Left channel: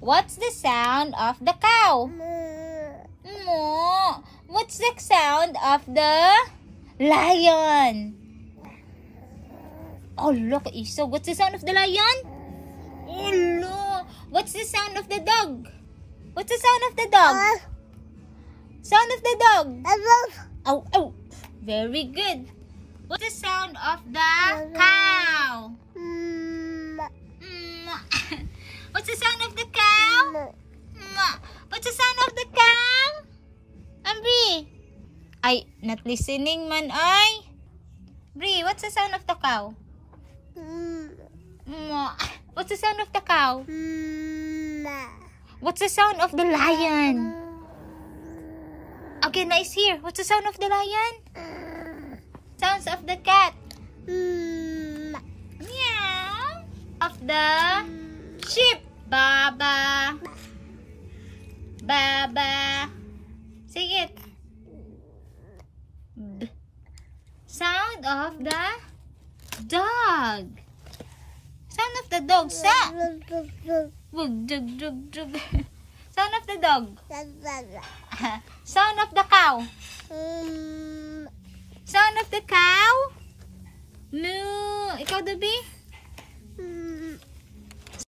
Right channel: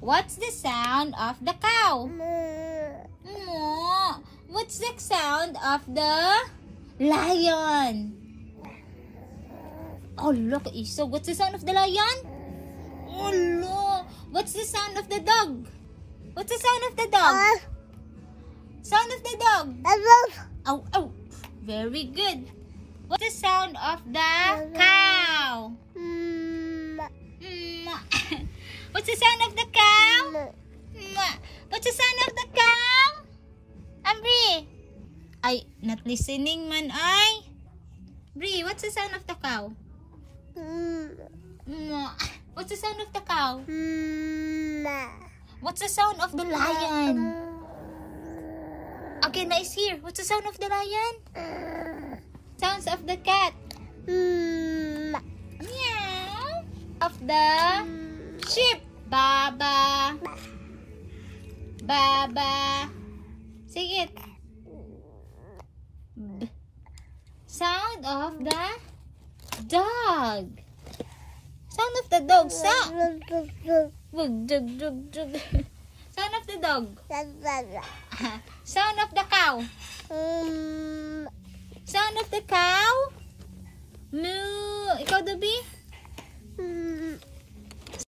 What's the sound of the cow? Moo. What's the sound of the lion? Oh, look, Iso. What's the sound of the lion? Oh, no. What's the sound of the dog? What's the sound of the dog? Sound of the dog. Oh, oh. Very good. What's the sound of the cow? What's the sound of the cow? What's the sound of the cow? Bri. Ay, not listening man ay. Bri, what's the sound of the cow? What's the sound of the cow? What's the sound of the lion? Okay, nice here. What's the sound of the lion? Sounds of the cat. Meow. Of the sheep. Baba. Baba. Say it. Sound of the dog. Sound of the dog. Sa. Jug, jug, jug. Sound of the dog. Sound of the cow. Sound of the cow. Moo. Ikaw, Dabi?